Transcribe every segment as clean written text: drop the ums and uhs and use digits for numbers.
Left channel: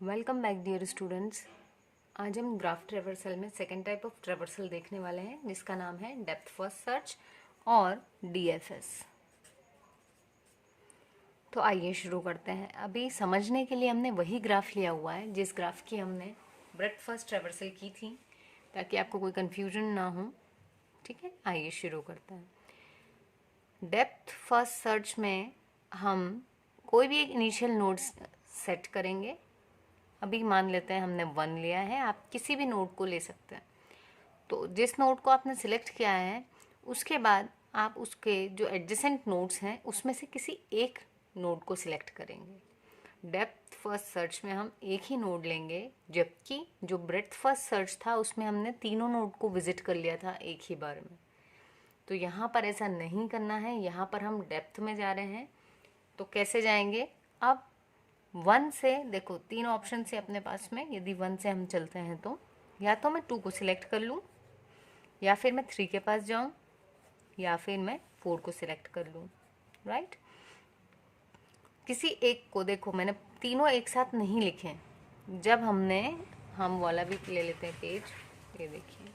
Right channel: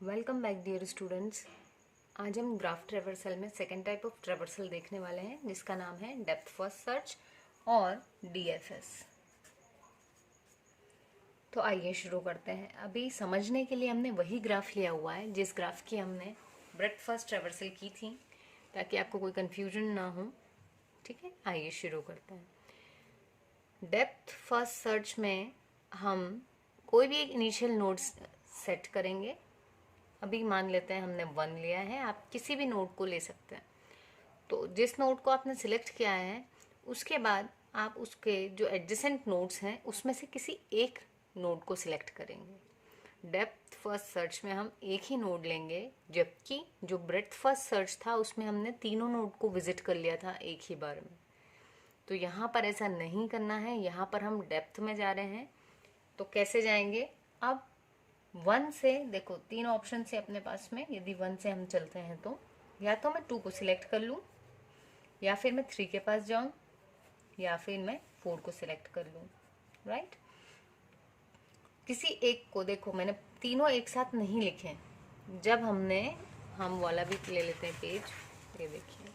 Welcome back dear students. आज हम graph traversal में सेकेंड टाइप ऑफ ट्रेवर्सल देखने वाले हैं जिसका नाम है डेप्थ फर्स्ट सर्च और डीएफएस। तो आइए शुरू करते हैं। अभी समझने के लिए हमने वही ग्राफ लिया हुआ है जिस ग्राफ की हमने ब्रेड्थ फर्स्ट ट्रेवर्सल की थी, ताकि आपको कोई कंफ्यूजन ना हो। ठीक है, आइए शुरू करते हैं। डेप्थ फर्स्ट सर्च में हम कोई भी एक इनिशियल नोड सेट करेंगे। अभी मान लेते हैं हमने 1 लिया है, आप किसी भी नोड को ले सकते हैं। तो जिस नोड को आपने सिलेक्ट किया है उसके बाद आप उसके जो एडजेसेंट नोड्स हैं उसमें से किसी एक नोड को सिलेक्ट करेंगे। डेप्थ फर्स्ट सर्च में हम एक ही नोड लेंगे, जबकि जो ब्रेड्थ फर्स्ट सर्च था उसमें हमने तीनों नोड को विजिट कर लिया था एक ही बार में। तो यहाँ पर ऐसा नहीं करना है, यहाँ पर हम डेप्थ में जा रहे हैं। तो कैसे जाएंगे? अब 1 से देखो, 3 ऑप्शन से अपने पास में, यदि 1 से हम चलते हैं तो या तो मैं 2 को सिलेक्ट कर लूँ, या फिर मैं 3 के पास जाऊँ, या फिर मैं 4 को सिलेक्ट कर लूँ। राइट, किसी एक को, देखो मैंने तीनों एक साथ नहीं लिखे। जब हम वाला भी ले लेते हैं पेज, ये देखिए,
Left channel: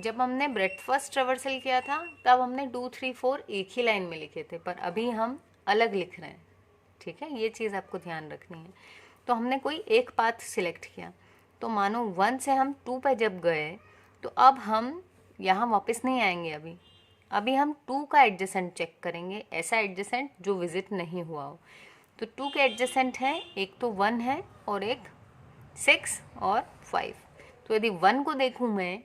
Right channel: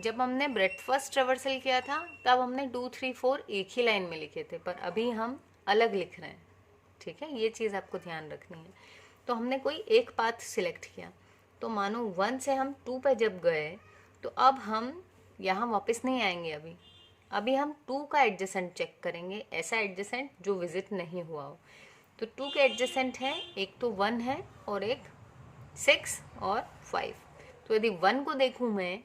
जब हमने ब्रेड्थ फर्स्ट ट्रेवर्सल किया था तब हमने 2, 3, 4 एक ही लाइन में लिखे थे, पर अभी हम अलग लिख रहे हैं। ठीक है, ये चीज़ आपको ध्यान रखनी है। तो हमने कोई एक पाथ सिलेक्ट किया, तो मानो 1 से हम 2 पे जब गए तो अब हम यहाँ वापस नहीं आएंगे। अभी हम 2 का एडजेसेंट चेक करेंगे, ऐसा एडजेसेंट जो विजिट नहीं हुआ हो। तो 2 के एडजेसेंट हैं, एक तो 1 है और एक 6 और 5। तो यदि 1 को देखूँ मैं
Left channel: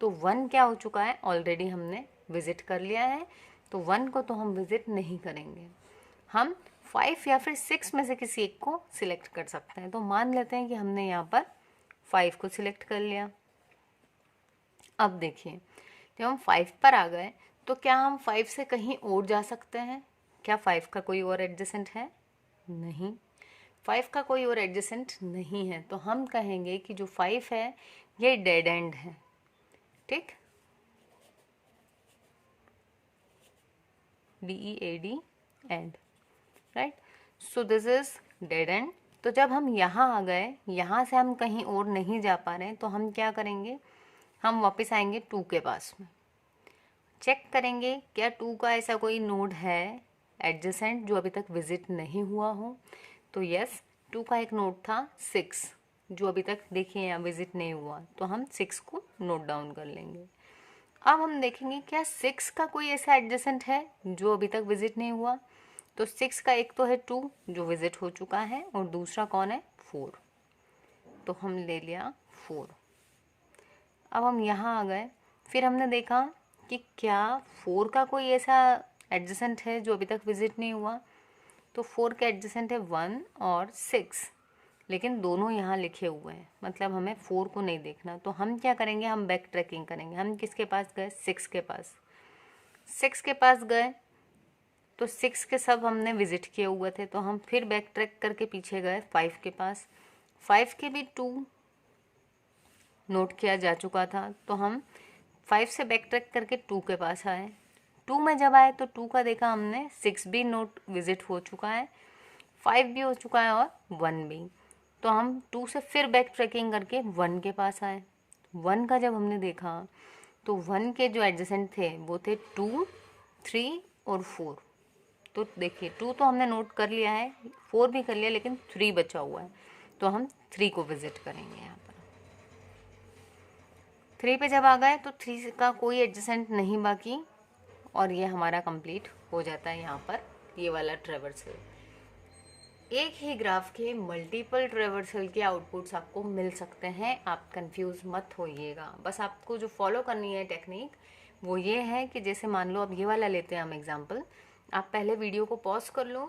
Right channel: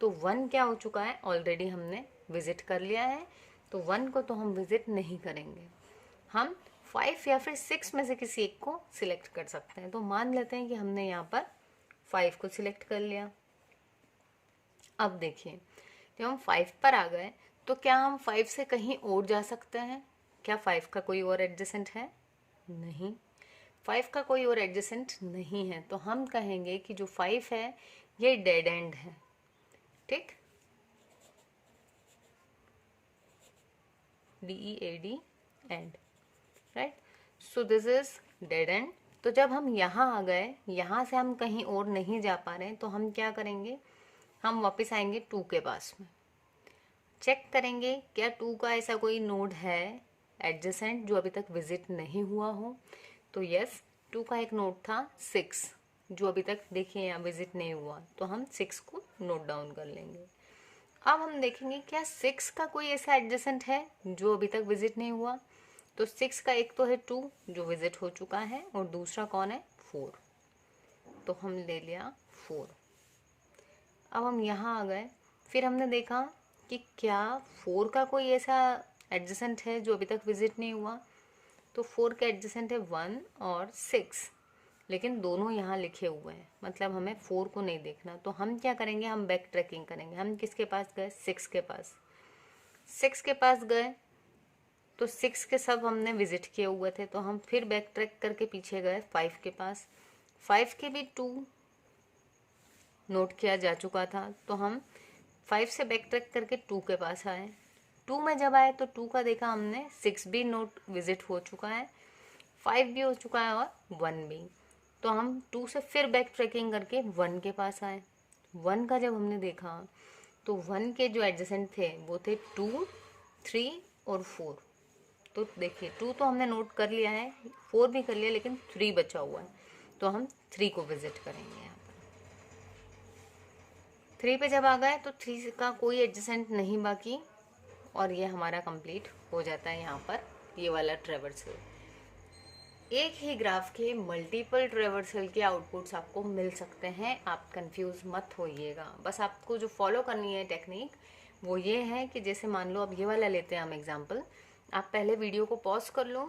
तो 1 क्या हो चुका है, ऑलरेडी हमने विजिट कर लिया है, तो 1 को तो हम विजिट नहीं करेंगे। हम 5 या फिर 6 में से किसी एक को सिलेक्ट कर सकते हैं। तो मान लेते हैं कि हमने यहाँ पर 5 को सिलेक्ट कर लिया। अब देखिए, जब हम 5 पर आ गए तो क्या हम 5 से कहीं और जा सकते हैं? क्या 5 का कोई और एडजेसेंट है? नहीं, 5 का कोई और एडजेसेंट नहीं है। तो हम कहेंगे कि जो 5 है ये डेड एंड है। ठीक, DEAD and. Right, so this is dead and. तो जब हम यहाँ आ गए, यहाँ से हम कहीं और नहीं जा पा रहे हैं, तो हम क्या करेंगे, हम वापस आएंगे 2 के पास में, चेक करेंगे क्या 2 का ऐसा कोई नोड है एडजेसेंट जो अभी तक विजिट नहीं हुआ हो। तो यस, 2 का एक नोड था 6 जो अभी तक देखिए यहाँ विजिट नहीं हुआ, तो हम 6 को नोट डाउन कर लेंगे। अब हम देखेंगे क्या 6 का कोई ऐसा एडजेसेंट है जो अभी तक विजिट नहीं हुआ। तो 6 का एक तो है 2 जो विजिट हो चुका है, और दूसरा कौन है, 4। तो हम ले लिया 4। अब हम यहाँ आ गए, फिर हमने देखा कि क्या 4 का कोई ऐसा एडजेसेंट है जो अभी तक विजिट नहीं हुआ। तो 4 का एडजेसेंट है 1 और 6, लेकिन दोनों यहाँ लिखे हुए हैं, मतलब हमें 4 को नहीं देखना। तो हम क्या करेंगे, हम बैक ट्रैकिंग करेंगे। हम किसके पास गए, 6 के पास। 6 के पास गए तो 6 के सब हमने विजिट किए हुए थे, तो हम फिर बैक ट्रैक करके पीछे गए 5 के पास। 5 के भी 2 नोट किया जा चुका था, तो हम 5 से बैक ट्रैक करके 2 के पास आए। 2 में जब आए तो 2 का देखा हमने, 6 भी नोट विजिट हो चुका है, 5 भी हो चुका है और 1 भी। तो हम 2 से फिर बैक ट्रैकिंग करके 1 के पास आए। 1 का जब हमने देखा तो 1 के जो एडजेसेंट थे वो थे 2, 3 और 4। तो देखिए 2 तो हमने नोट कर लिया है, 4 भी कर लिया, लेकिन 3 बचा हुआ है, तो हम 3 को विजिट करेंगे। यहाँ पर 3 पे जब आ गए तो 3 का कोई एडजेसेंट नहीं बाकी, और ये हमारा कंप्लीट हो जाता है यहाँ पर ये वाला ट्रेवर्सल। एक ही ग्राफ के मल्टीपल ट्रेवर्सल के आउटपुट्स आपको मिल सकते हैं, आप कंफ्यूज मत होइएगा। बस आपको जो फॉलो करनी है टेक्निक वो ये है कि जैसे मान लो अब ये वाला लेते हैं हम एग्जांपल, आप पहले वीडियो को पॉज कर लो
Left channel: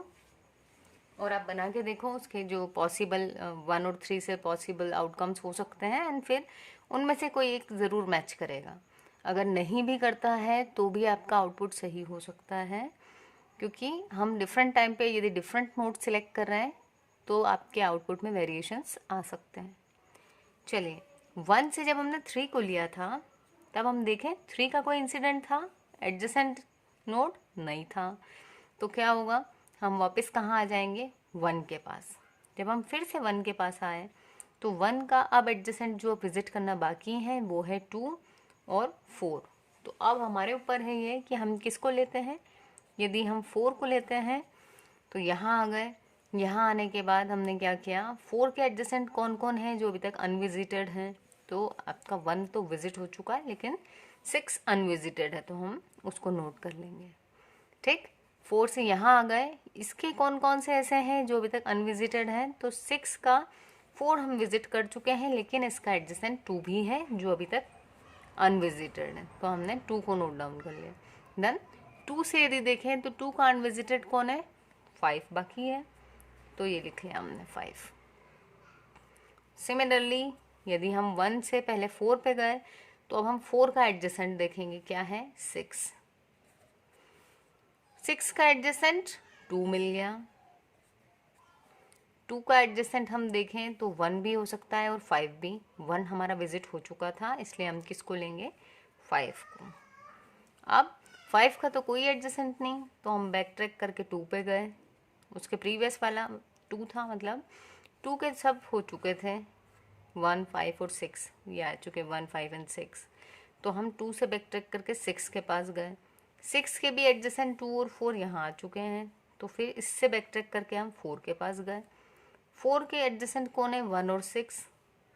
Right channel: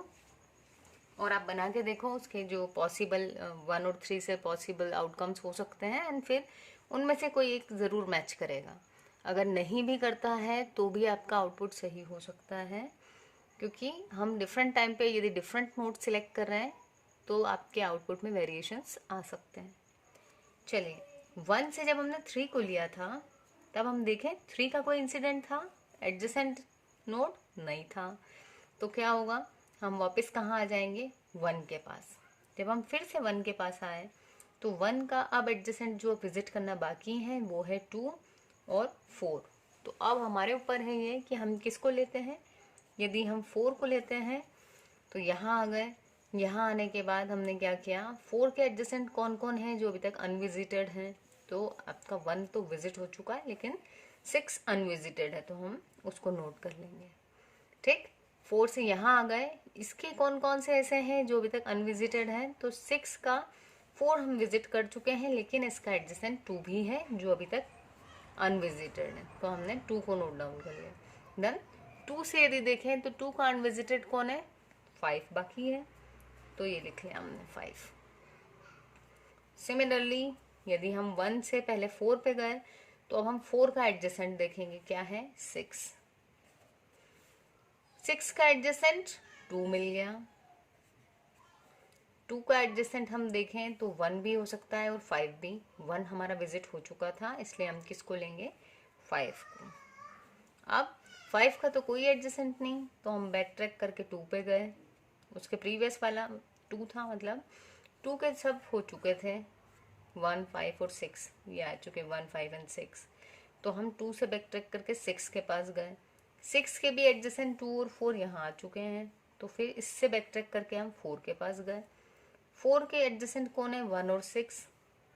और आप बना के देखो उसके जो पॉसिबल 1 और 3 से पॉसिबल आउटकम्स हो सकते हैं, एंड फिर उनमें से कोई एक ज़रूर मैच करेगा। अगर नहीं भी करता है तो भी आपका आउटपुट सही हो सकता है, क्योंकि हम डिफरेंट टाइम पे यदि डिफरेंट नोट सिलेक्ट कर रहे हैं तो आपके आउटपुट में वेरिएशंस आ सकते हैं। चलिए, 1 से जब हमने 3 को लिया था तब हम देखें 3 का कोई इंसिडेंट था, एडजेसेंट नोड नहीं था। तो क्या होगा, हम वापस कहाँ आ जाएंगे, 1 के पास। जब हम फिर से 1 के पास आए तो 1 का अब एडजेसेंट जो विजिट करना बाकी है वो है 2 और 4। तो अब हमारे ऊपर है ये कि हम किसको लेते हैं। यदि हम 4 को लेते हैं तो यहाँ आ गए। यहाँ आने के बाद हमने क्या किया, 4 के एडजेसेंट कौन कौन है जो अभी तक अनविजिटेड हैं। तो आपका 1 तो विजिट हो चुका है लेकिन 6 अनविजिटेड है, तो हम उसको नोट कर लेंगे। ठीक, 4 से यहाँ आ गए। इसके कौन कौन से ऐसे हैं जो अभी तक अनविजिटेड हैं। तो 6 का 4 हम विजिट कर चुके हैं लेकिन इसका एडजेसेंट 2 भी है जो अभी तक अनविजिटेड है, तो हमने 2 को नोट डाउन कर लिया। देन 2 से यदि देखें तो 2 का अनविजिटेड कौन है, 5 बाकी है, तो ये लिख लिया हमने 5। सिमिलरली यदि हम 1 से पहले 4 पे गए तो अब हम 4 का एडजेसेंट देखेंगे, क्या है, 6। 6 का एडजेसेंट 2 मिल गया। 2 का एडजेसेंट हम देखें तो 1 भी हो सकता है और 5 भी। 1 हमारा विजिट हो चुका था इसलिए हम किसको लेंगे, 5 को। अब 5 का तो कोई एडजेसेंट नहीं, तो हम बैक ट्रैक करके 2 पे गए। उसके प्रीवियस वाला 2 था, मतलब 2 के सब हो चुके थे, 1, 5 और 6 ये आ चुके, 1, 5 एंड 6। तो हम 2 से बैक ट्रैक करके 6 के पास गए। 6 के भी एडजेसेंट 2 और 4 यहाँ आ चुके हैं, तो फिर इससे बैक ट्रैक करके हम 4 के पास गए। 4 के एडजेसेंट कौन है, 1 और 6,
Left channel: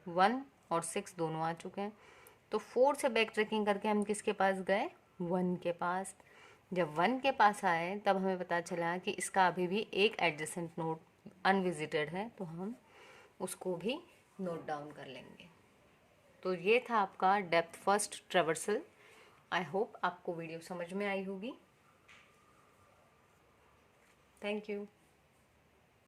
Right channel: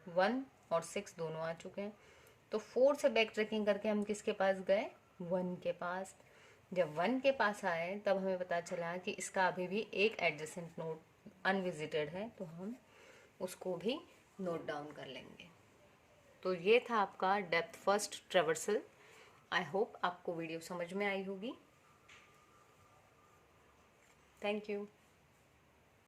1 और 6 दोनों आ चुके हैं। तो 4 से बैक ट्रैकिंग करके हम किसके पास गए, 1 के पास। जब 1 के पास आए तब हमें पता चला कि इसका अभी भी एक एडजेसेंट नोड अनविजिटेड है, तो हम उसको भी नोट डाउन कर लेंगे। तो ये था आपका depth first traversal. I hope आपको वीडियो समझ में आई होगी। Thank you.